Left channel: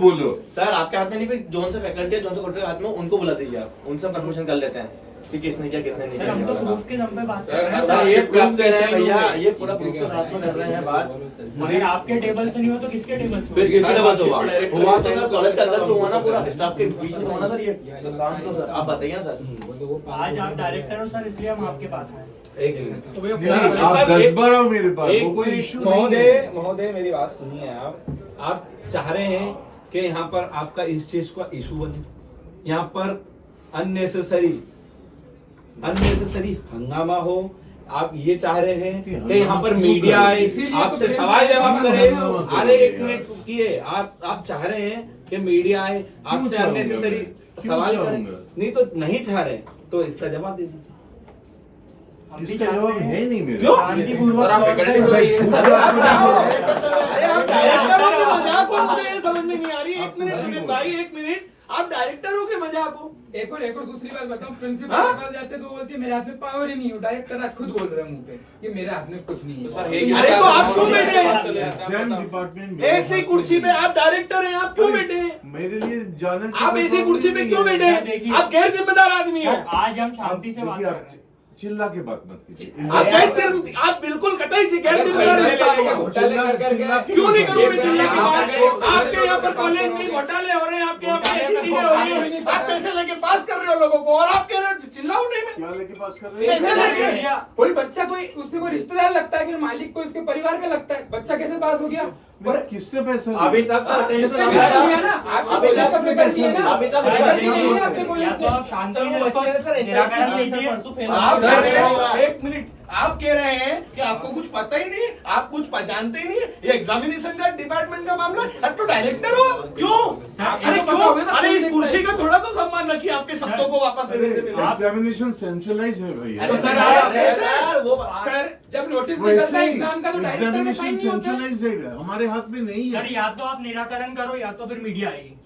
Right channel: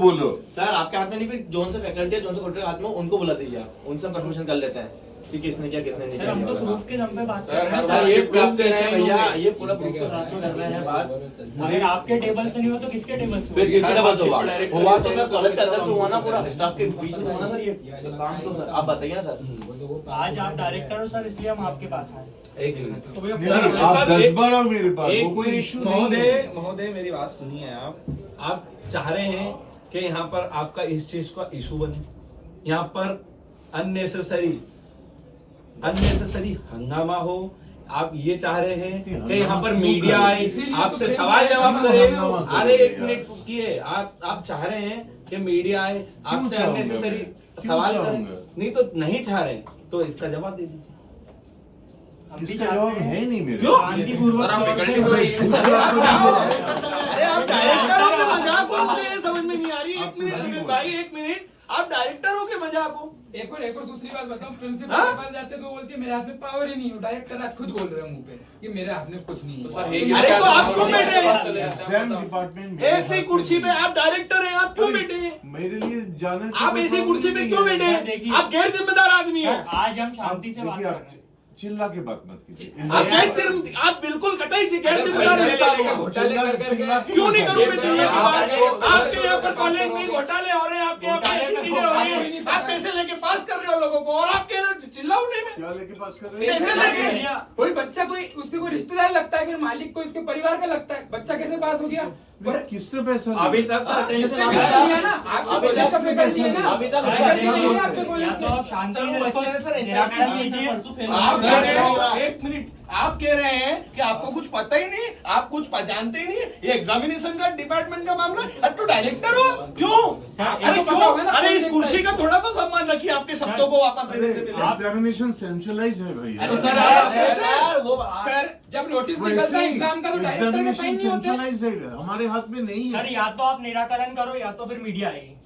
बोलो सर आपके हाथ में नहीं, फिर जोन से फैकल्टी है, जोन से कोर्टर हाथ में, उनको बुला दीजिए आप, उनसे हम कंफर्मेशन कर लेते हैं कि किसने किया किसने नहीं किया। हम तो प्रूफ के दम पे बात कर रहे हैं सर ये प्रूफ दे रहे हैं भैया, ये पूरा प्रूफ के साथ में कर रहे हैं बात। अगर आपके टेबल से नहीं हो तो किसके टेबल से? फिर किसके टेबल से हुआ तो सर कॉलेज के अंदर से हुआ ना, पूरा स्टाफ के बीच में हुआ ना सर, ये काम तो सर आप बताइए ना सर। आज आप डायरेक्टर हो सर, इसलिए हम आपके पास आए। एक मिनट आप 10 बार आओ मेरे पास, वो कोई इशू नहीं है। महोदय मेरी बात सुनिए। आप चाह रहे हैं कि यहाँ पर आपका इस चीज का इशू बने, यहाँ पर अननेसेसरी हंगामा हो। आप ये चाह रहे हैं कि यहाँ पर मीडिया आए, आपसे सवाल जवाब करे। अरे एक मिनट किए, आप चाह रहे हैं कि मीडिया आए, आपसे अननेसेसरी सवाल करे। नहीं तो नहीं चाह रहे तो इसका जवाब दे दीजिए। इसका जवाब है नहीं मेरे। क्यों? अरे आप डायरेक्टर हो के मजाक हो, मुझे ये समझ में नहीं आ रही। एक मिनट भाई, एक मिनट, आप डायरेक्टर हो के मजाक हो। एक और दूसरी बात बताऊं, प्रिंसिपल के पास जाते तो बोलती है मेरे हाथ में पावर ही नहीं है। डायरेक्टर आज खुद बोल रहे हैं मुंह पे कि मेरे हाथ में कुछ नहीं है। अरे तो आप क्यों बैठे? एग्जाम डिपार्टमेंट ऐसी कुर्सी पे आप डायरेक्टर हैं, आप क्यों बैठे? मेरे लिए जाने आप ऐसी कुर्सी पे क्यों बैठे? आप गैर जिम्मेदार आदमी हैं। आज हम शांति से बात कर रहे हैं। चिल्ला के बात मत कीजिए। आप बिल्कुल कतई गैर जिम्मेदार इंसान हो। क्यों नहीं करूँ मैं चिल्ला की बात? आपके यहाँ पर कॉलेज में घोटाले हो रहे हैं, आपके यहाँ पे ऐसी चीजें हो रही है, आप पैसे लेके पास कर रहे हो लोगों को, और आपके यहाँ चिल्ला उठे में क्या लेके पास कर रहे हैं? पैसे लेके। कोई बच्चा कोई उससे कोई रिश्तेदार लगता है, फिर मालिक को इसके परिवार का लगता है, बच्चा कैसे पास हो गया? और किसने पैसा लिया? अभी तक सर फैकल्टी है ना, आपकी कॉलेज का फैकल्टी है ना, अभी तक फैकल्टी नहीं है आपके कॉलेज तो आप शांति से निराकरण लीजिए। आप कह रहे हैं, एक मिनट, आप कह रहे हैं कि आपको कुछ पता ही नहीं, आप कुछ जानते ही नहीं। ये एग्जामिनेशन का डिपार्टमेंट का मामला, अब तो डायरेक्टर हो। क्यों? अरे क्यों? अरे इस कुर्सी का थोड़ा तो सम्मान रखिए, आपके शब्दों को वापस देने से मिले। एग्जामिनेशन सेंट्रलाइज है भैया। अरे सर जब नोटिस निकलता है एग्जाम का तो डायरेक्टर के साइन एग्जामिनेशन नहीं होते। सेंट्रलाइज है, हमारे हाथ में नहीं सर है। या तो आप निराकरण करो या तो फिर मीडिया आएगी।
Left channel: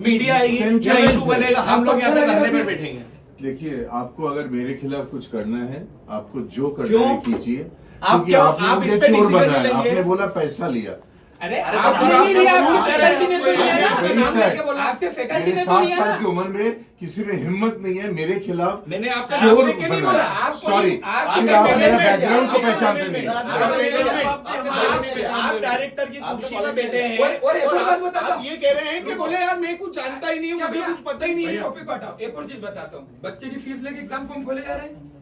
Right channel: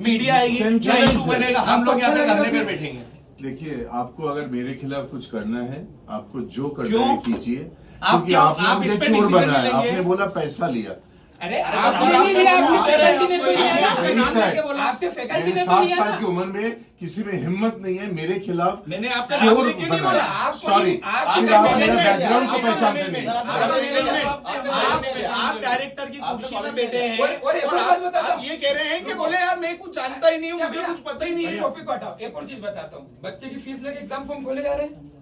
मीडिया आएगी, Centralized इशू बनेगा, हम लोग यहाँ पे धरने पे बैठेंगे। देखिए, आपको अगर मेरे खिलाफ कुछ करना है, आपको जो करना क्यों? है कीजिए, आप क्योंकि क्यों? आपने आप इस मुझे पे चोर decision बनाया। लेंगे? आपने बोला पैसा लिया। अरे तो आपने नहीं लिया, आपकी फैकल्टी ने तो लिया ना। Very sad। आपके फैकल्टी मेरे ने तो 60 लिया साल की ना। उम्र में किसी में हिम्मत नहीं है मेरे खिलाफ मैंने आपका चोर नाम लेके नहीं बोला। बनाया। आपको- सॉरी, आपके फिर आप मेरे मैनेजमेंट- बैकग्राउंड को आपके पहचानते मैनेजमेंट- नहीं। आप डायरेक्टर की कुर्सी में बैठे हैं और एक और बात आप बताता हूँ। ये कह रहे हैं कि बोले यार मैं कुछ जानता ही नहीं हूँ, मुझे कुछ पता ही नहीं है। टॉपिक को हटाओ। एक और चीज बताता हूँ, बच्चे की फीस लेके एग्जाम फॉर्म खोले जा रहे हैं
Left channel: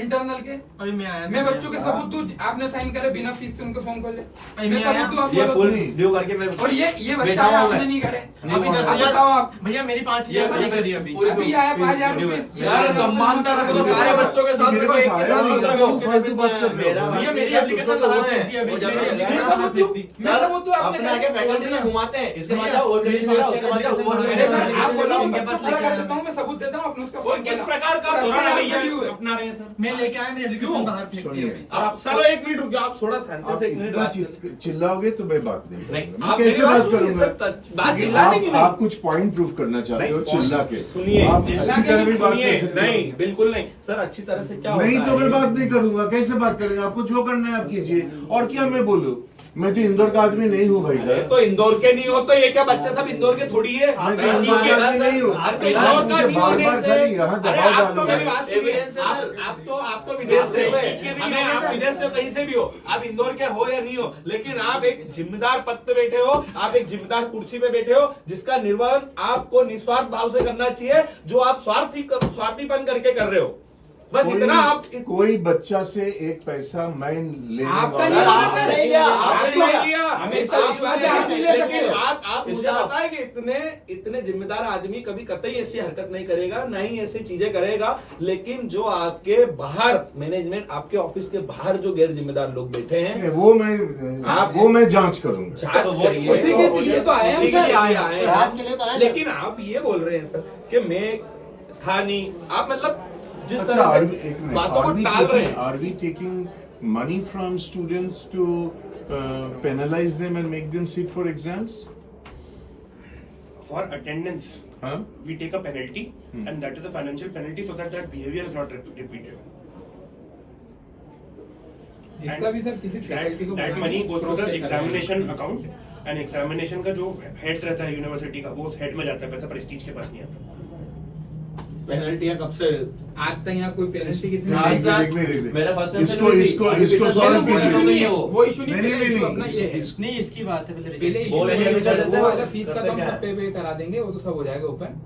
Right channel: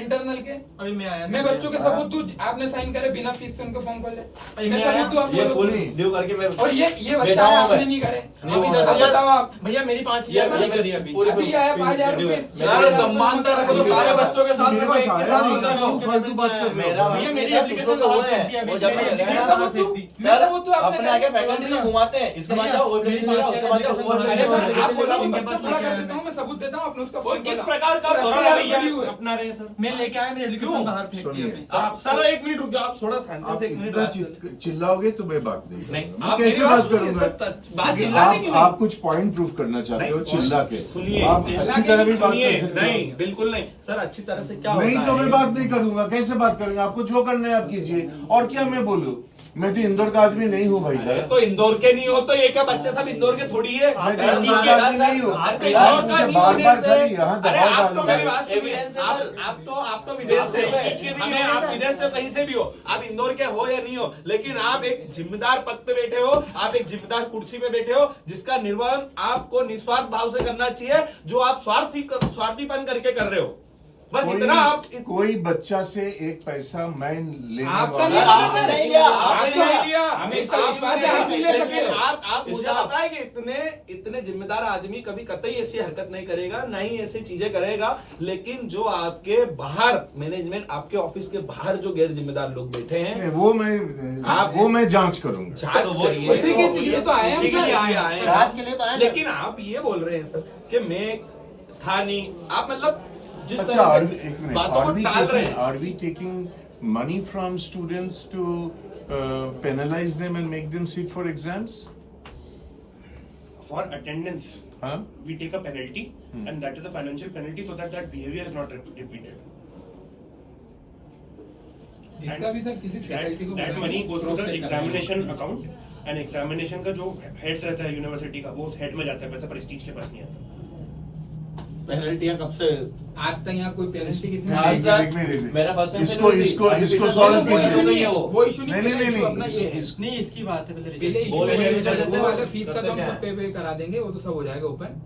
इंटरनल के। अभी मैं आया मैं बच्चों के सबूत दूं, आपने साइन करे बिना फीस से उनके फॉर्म खोले। मैं सबूत दूं ये आपको। फुल ड्यू करके मैं और ये बच्चा बैठा हुआ आपने है। नहीं करे। अभी 10,000 अब बताओ आप। भैया मेरी 5 ये नहीं करी अभी अभी आया 5,000 रुपए। यार सम्मानता रखो तो सारे बच्चों के साथ मेरे रखो, पास एक के आया साथ नहीं, मत रखो। फालतू बात कर रहे हो। मेरा भैया मेरी एप्लीकेशन लगा है और जब अपने आगे फैकल्टी को घुमाते हैं, इसके बाद वो एप्लीकेशन मेरा, उसके बाद आप बोला मैं बच्चा पूरा कर देता हूँ, मैं सबूत देता हूँ अपने उसका और किस प्रकार का भरोसा भैया अपना रहे हैं सर? मैं लेके आया, मेरे एप्लीकेशन बाहर फेंक दी सुनिए। अभी। आप सर एक मिनट रुक जाओ, आप थोड़ा शांति से एक मिनट इतना बात- चिल्लाओगे तो मैं बात नहीं नहीं, करूंगा। आप मैं कैसे मेरी बात बात सुनिए, करूंगा? सर, बात क्योंकि चिल्लाने की नहीं। आप कुछ पॉइंट प्रूव करना चाहते हो नहीं, चिल्ला के। सुनिए, आप अच्छी तरह भी बात सुनिए, कर सकते हो। नहीं बिल्कुल नहीं सर, अच्छी तरह से क्या नहीं होता तो है? मैं बात नहीं करूंगा। कैसे बात करेंगे? आपको जो करना है आप कीजिए, और क्या मैं बोलूं? मैं तो इंदौर का आदमी नहीं हूँ भाई अरे साहब। तो इंदौर के नहीं हो तो ये क्या बच्चे सब इंदौर के थोड़ी है? मैं तो इंदौर का आदमी नहीं हूँ। मुझे बार बार खाली यहाँ दबाव डालोगे। एविडेंस है सर। आप तो विदेश से अरे आप विदेश से कहीं से भी हो, आप इंदौर के हो या नहीं हो, लेकिन आप एक जिम्मेदार पद पे बैठे हो, आप एक जिम्मेदार कुर्सी पे बैठे हो, जिसका निर्वहन आपको निस्वार्थ भाव से करना चाहिए, जो आप स्वार्थीपन करके कर रहे हो। बस इतना आप कोई बच्चा से एक पैसा मैं लेने आपका वाला नहीं आपने नहीं लिया, आपने नहीं लिया, हमें तो विश्वास है आप ही ले सकते लेकिन हो। आप मुझे बताएं कि इतने जिम्मेदार आदमी कभी कतई ऐसी हरकत नहीं करेगा, ना ही ऐसी चीजें करेगा। लेकिन जो आपके बाहर मैनेजमेंट, आपके ऑफिस के बाहर जो गैर जिम्मेदार लोग बैठे हैं, वो मैं जांच करूंगा। जांच करिए। उसी के लिए तो आए हैं उसी के सर। लिए आए हैं। लेकिन आप ये बोल रहे हैं सर कि मैं था नहीं, आप मतलब जिस अच्छा, तरह से बातों को टाल रहे हैं। are we taking money from students to penalize them and make them sit for exams? For attendance, Huh? we take a penalty, and that is a financial penalty so that behavior is not repeated. इसका भी sir किसी faculty को That money goes to the examination account, and examination का जो head रहता है university का, वो उस हेड में जाता है पैसा, प्रेस्टीज के पास नहीं आता। पेनल्टी कब से? आज तक यहाँ कोई पेनल्टी किसी ने आज नहीं तक दी। मेरा फर्स्ट इसको सॉल्व वो कीजिए। issue नहीं है, वो issue नहीं है, नहीं, पहले नहीं, issue नहीं, अपना ये है। नहीं इसकी बात है पहले issue वो है, लेके वो वाला फीस का तो हम सब पे करा देंगे, वो तो सब हो जाएगा ओपन।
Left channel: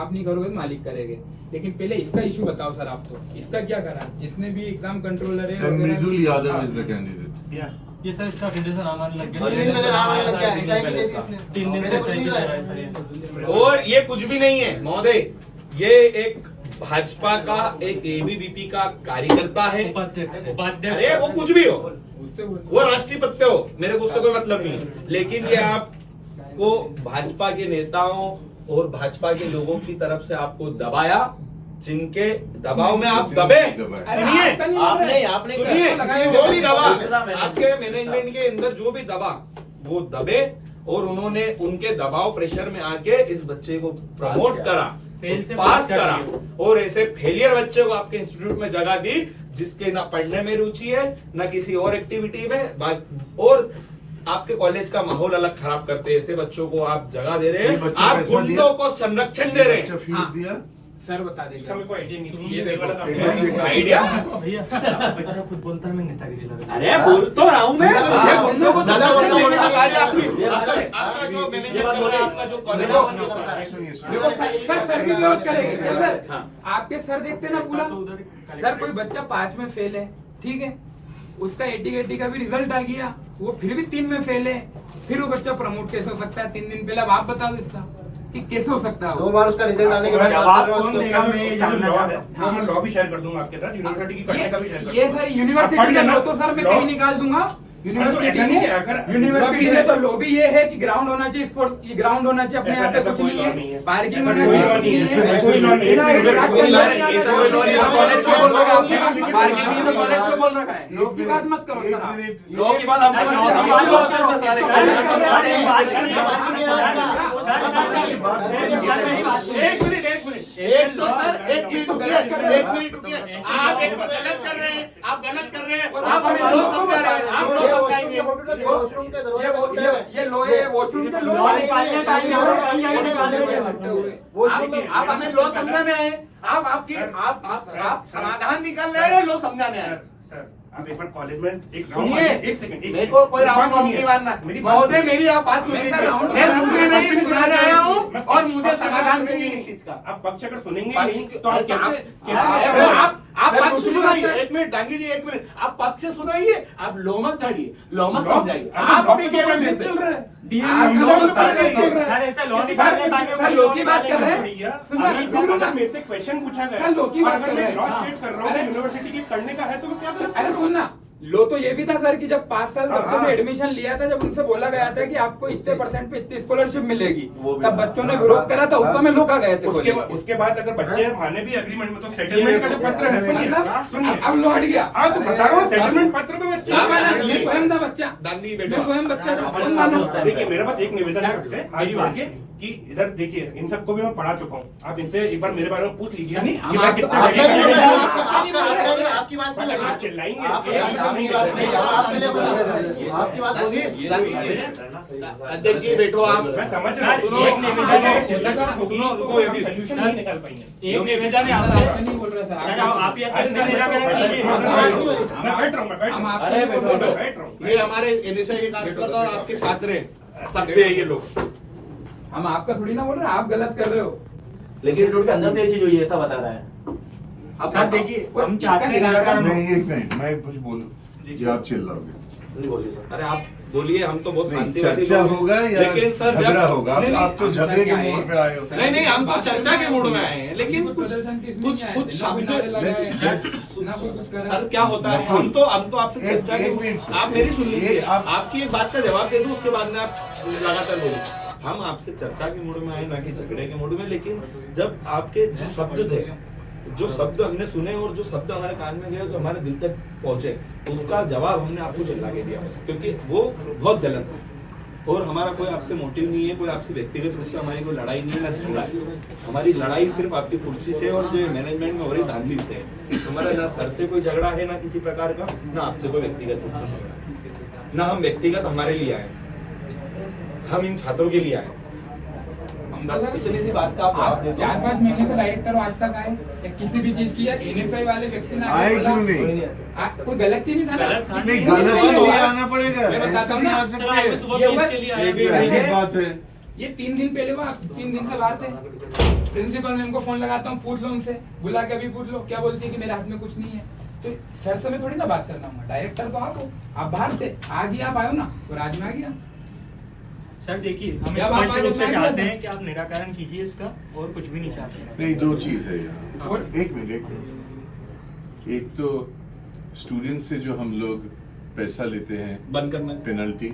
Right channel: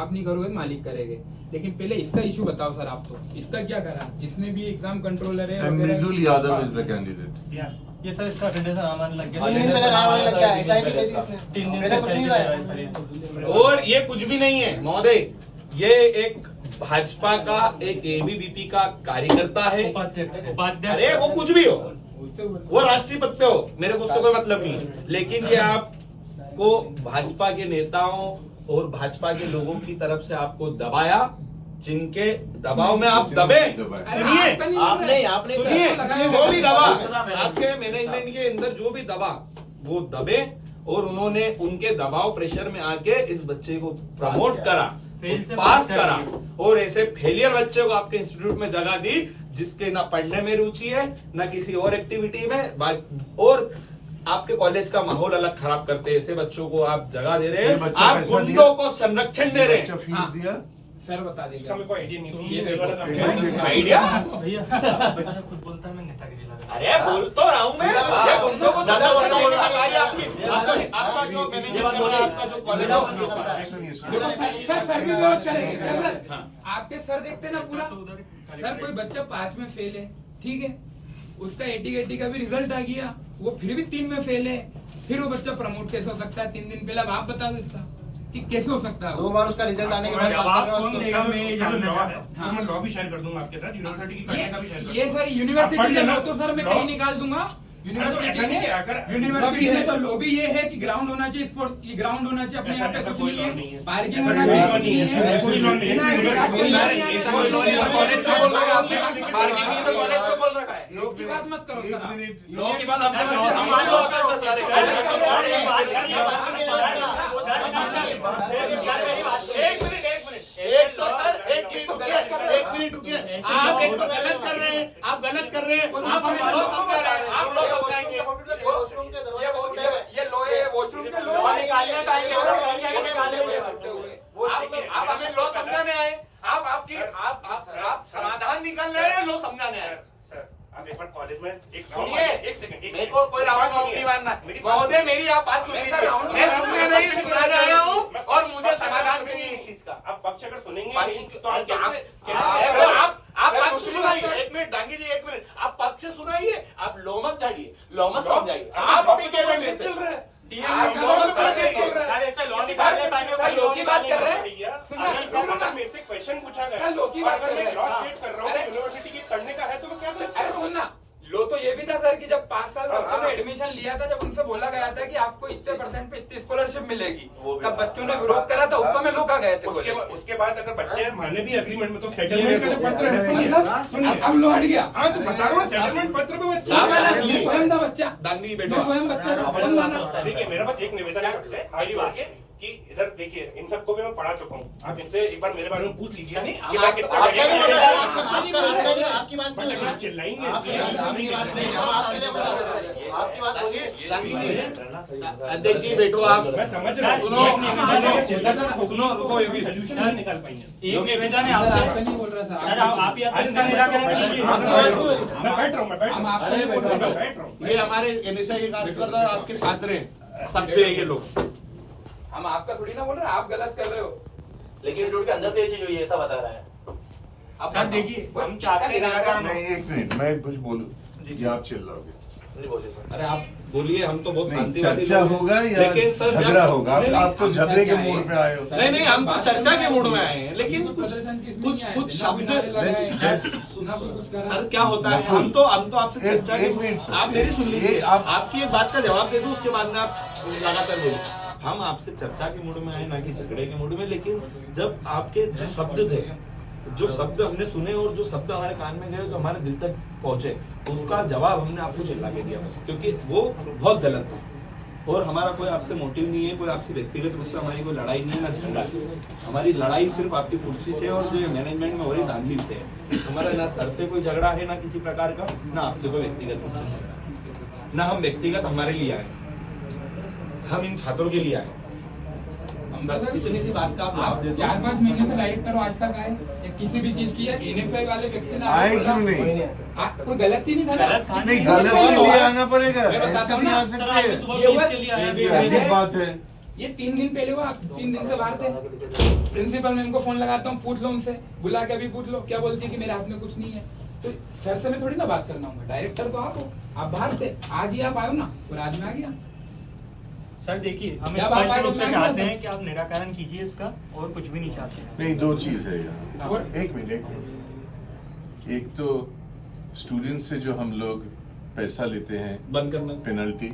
आप नहीं करोगे, मालिक करेंगे। लेकिन पहले इसका इशू बताओ सर आप तो, इसका क्या करा? जिसने भी एग्जाम कंट्रोलर है And वगैरह- Nidul Yadav is the candidate. ये सर इसका अटेंडेंस आने लग गया। 3 दिन पहले नाम आने लग गया, SIT के लिए इसने। 3 दिन पहले से कुछ नहीं था। सर ये। और ये कुछ भी नहीं है महोदय, ये एक भाजपा का एक एबीवीपी का कार्यकर्ता है। उपाध्यक्ष अरे वो कुछ भी हो, उससे वो राष्ट्रपति हो, मेरे को उससे कोई मतलब नहीं है। लेकिन ये आपको भाजपा के नेताओं और भाजपा के लोगों की तरफ से आपको दबाया, जिनके दबाव में आप दबे। सुनिए, आपने सुनिए, जो भी दबा आपके आपके मैनेजमेंट के अंदर जो भी दबा, वो दबे और उन्होंने उनके दबाव प्रेशर में आके इस बच्चे को प्रमोट करा, फेल से पास पास करा कर और ऐसे फेलियर बच्चे को आपके इंस्टीट्यूट में जगह दी, जिसके ना पढ़ने में रुचि है ना किसी और एक्टिविटी में, और आपके कॉलेज का माहौल अलग खराब करते ऐसे बच्चों को आप जगह दे रहे ये हैं, बच्चे आप पैसा गुंडों दिया? को संरक्षण दे रहे अच्छा हैं। फीस दिया? सर बता देंगे। इसका मेरे को आइडिया नहीं थी, ये ये वाला काम देखो, है। आइडिया? भैया बच्चा खुद बोलता है मैं नेतागिरी लगा। अरे बोल तो रहा हूँ मैं, ये गुंडों को संरक्षण देने का कार्य आपका जो मैनेजर कर रहा है, आपका जो कॉलेज देखो सर भी विरोध करेंगे क्या सर? आपके सर देखते ना पूरा। सर कोई बच्चा 5 में फेल है, ठीक है, उसका 80 का भी रिजल्ट आ गया, वो फिर भी 3 में फेल है, फिर वो बच्चा प्रमोट कैसे हो सकता है? 3 दिन पहले अब आप बता दो इसका कि कैसे हो सकता है? 2 बार उसका रिजल्ट आने के बाद पास कर रहे हो कौन उसको। देगा? मैं जानना लॉ चाहता है, हूँ। वो मैं लॉ भी शेयर कर दूंगा आपके साथ, यूनिवर्सिटी की करने का भी शेयर कर ये दूंगा। सर यूनिवर्सिटी पढ़ का लेना। लो तो सर मैं लॉ- कहीं निकाल दूंगा। यूनिवर्सिटी ऐसा नहीं है, में अगर- यूनिवर्सिटी में तो लॉबी ये है कि ग्राउंड होना चाहिए, स्पोर्ट ग्राउंड होना चाहिए, अपने यहाँ पे ऐसा कुछ कोई नहीं लॉ नहीं है, है। पार्किंग ऐसा होना कोई चाहिए, लॉ कुछ नहीं है। नहीं है। ऐसा कोई लॉ नहीं है। ऐसा कोई लॉ नहीं है। ऐसा कोई लॉ नहीं है। कॉलेज में बोल रहा है, आपने पार्किंग नहीं तो कॉलेज में बोल रखा है। लॉ की बात मत करो सर आप। लॉ की बात आपको एक मिनट रुकिए, आप एक गलत कर रहे हैं, आप गलत कर रहे हैं, आप हमें लॉ समझा रहे हैं, आप लॉ समझाएंगे। वॉशरूम के दरवाजे ये लो है वॉशरूम के लो आप हमें लॉ समझाने आए, आप समाधान निकाल रहे हैं, लॉ समझाने आए। सर, आप एक बार कॉलेज में एक सुनिए, एक सेकंड मेरे को कोई राउंड नहीं मारना। महोदय मेरी आप बात सुन लीजिए, मैं सुनने नहीं सुनाने आया हूँ और मुझे समाधान चाहिए इस चीज का। आप पक्ष अगर सुनेंगे पक्ष- नहीं तो आप अरे आप पक्ष सुनाइए, एक मिनट डांगी जी, एक मिनट, आप पक्ष सुनाइए, आप लो मत हटिए, लो मत समझाइए। आप अभी क्या कैसे चल रहा है? सर ऐसा लॉ निकालने सर, लॉ की बात कर रहे हैं। भैया, सुनो, अभी सुनो ना। मेरे से क्वेश्चन पूछा गया सर, लोग की बात अगर कर मैं रहे हैं। लॉ स्टेट कर रहा हूँ यूनिवर्सिटी के करने का है तो मैं क्या कर सकता अरे हूँ? सुनना, लो तो ये भी था सर कि जब 5 साल बच्चों ने एडमिशन लिया था, जब उनसे बोला गया था कि आपको इतने % पे इतनी स्कॉलरशिप मिलेगी, तब बच्चों ने विरोध करा था, उस समय लोग आ गए थे उसके कॉलेज के। उसके बाद अगर बच्चे माने भी एग्रीमेंट में तो सेटलमेंट का जो पत्र है सुनिए अब लो हट गया। हाँ तो बता रहा हूँ सेटलमेंट पत्र में बच्चे मैं स्वयं था बच्चा, डांगी मैं बेटा, स्वयं बच्चा था, अपन मानो। देखिए मेरे पास एक निवेदन है आपसे आगे बढ़के कि इधर देखिए इन सबको भी मैं पढ़ा चुका हूँ, आप इनसे एक बार मेरे बारे में पूछ लीजिए नहीं, कि हम मैं आपकी कितना बात बढ़िया कर रहे हैं। हूँ। आपकी बात नहीं आप है। चिल्लाएंगे आपकी बात नहीं है। आपके लिए आपकी बात डांगी नहीं है। अध्यक्ष जी बैठो आप। मैं समझ रहा हूँ सुनो, एक निवेदन है चिल्लाकर होगी सुनो, तो रुको, अभी। सोल्यूशन नहीं निकाल पाएंगे। एक निवेदन है सर, आपसे। आपका नहीं बोल रहा था। सर आप ही अपना इसका निराकरण कीजिए। मैं बैठ रहा हूँ हम आपको अरे नहीं बोल बैठो, रहे थे। बैठ रहा हूँ ये हमारे एनएसआई के कार्यकर्ता और आपके छात्र हैं, सब पे ये लोग। हम आपका थोड़ी ना बोल रहे, आप गलत कर रहे हो। लेकिन इंस्टीट्यूट के अंदर से ये चीज हुई है, ऐसा बता रहा है। अब सर देखिए हम चाहते हैं निराकरण। नहीं एक मिनट, मैं कुछ बोलूं कि आप चिल्लाओगे। नहीं बोलिए सर। अरे आप बोलिए, हम तो बहुत नहीं, शांतिवादी चर्चा लोग हैं। होगा या लेकिन सर जब- झगड़ा होगा? नहीं, आप तो हम झगड़े सर के क्या मोड़ है? पे आए हो। नहीं नहीं, हम तो चर्चा के मूड में आए हैं, लेकिन कुछ प्रदर्शन की कुछ नहीं कुछ आए थे, शब्द ना कोई नारे let's- लगाए, let's- ना कोई कुछ करा। सर क्या होता है, हम तो आपसे एक- चर्चा एक मिनट के सर। आप मेरी सुन लीजिए, एक आप- आपकी एक बात का जवाब दे दूं, उसके बाद में आप लगातार बोलिए। हम आपसे चर्चा के मूड में आए, ना कि झगड़े के मूड में। लेकिन जब आपके जो शब्द थे, जो शब्द हमने सुने और जो शब्द हमारे कान में गए, जो हमारे दिल तक पहुंचे, उसका जवाब हमने आपको चिल्ला के दिया बस, क्योंकि वो बहुत गलत था। और हमारा कोई आपसे मोटिव नहीं है, कोई आपसे व्यक्तिगत रूप से हमारी कोई लड़ाई नहीं है, ना झगड़ा है। हमारी लड़ाई सिर्फ आपकी कुर्सी से और जो मैनेजमेंट में हो रही धांधली से है। हमारा ना सर से कोई झगड़ा है, ना किसी प्रकार का, ना आपसे कोई व्यक्तिगत रूप से झगड़ा है, ना हम व्यक्तिगत हमारे लिए आए। हम इन छात्रों के लिए आए। बस इतनी सी बात का आप जवाब देते 4-5 महीने से डायरेक्टर आज तक आए या किसी भी चीज की या NSI वाले व्यक्ति ने आए क्यों नहीं? कोई गलती नहीं था ना। नहीं, गलती के लिए आना पड़ेगा, मैं बताता ऐसे हूँ नहीं ना। आ सकते। ये अजीब बात है। ये 3 दिन पहले हुआ, आप 3 दिन से बाहर थे। प्रिंसिपल मैम को फोन लगाता हूँ, पूछ लो उनसे, बुला के अभी पूछ लो, क्या बोलती है कि मेरे हाथ में कुछ नहीं है। तो सर से मैं थोड़ी ना बात करना हूँ, डायरेक्टर तो आप हो, आप बाहर थे, आज ही आप आए हो ना, तो आज में आ गया। सर देखिए, हम जब आप स्पष्ट रूप से आगे चाहते बढ़ेंगे हैं कि आप निराकरण कीजिए इसका, और कुछ भी नहीं चाहते। नहीं, दो चीज है यहाँ। और? एक मिनट। एक तो स्टूडेंट से जो हम लोग पैसा लेते हैं बंद करना है। पेनल्टी,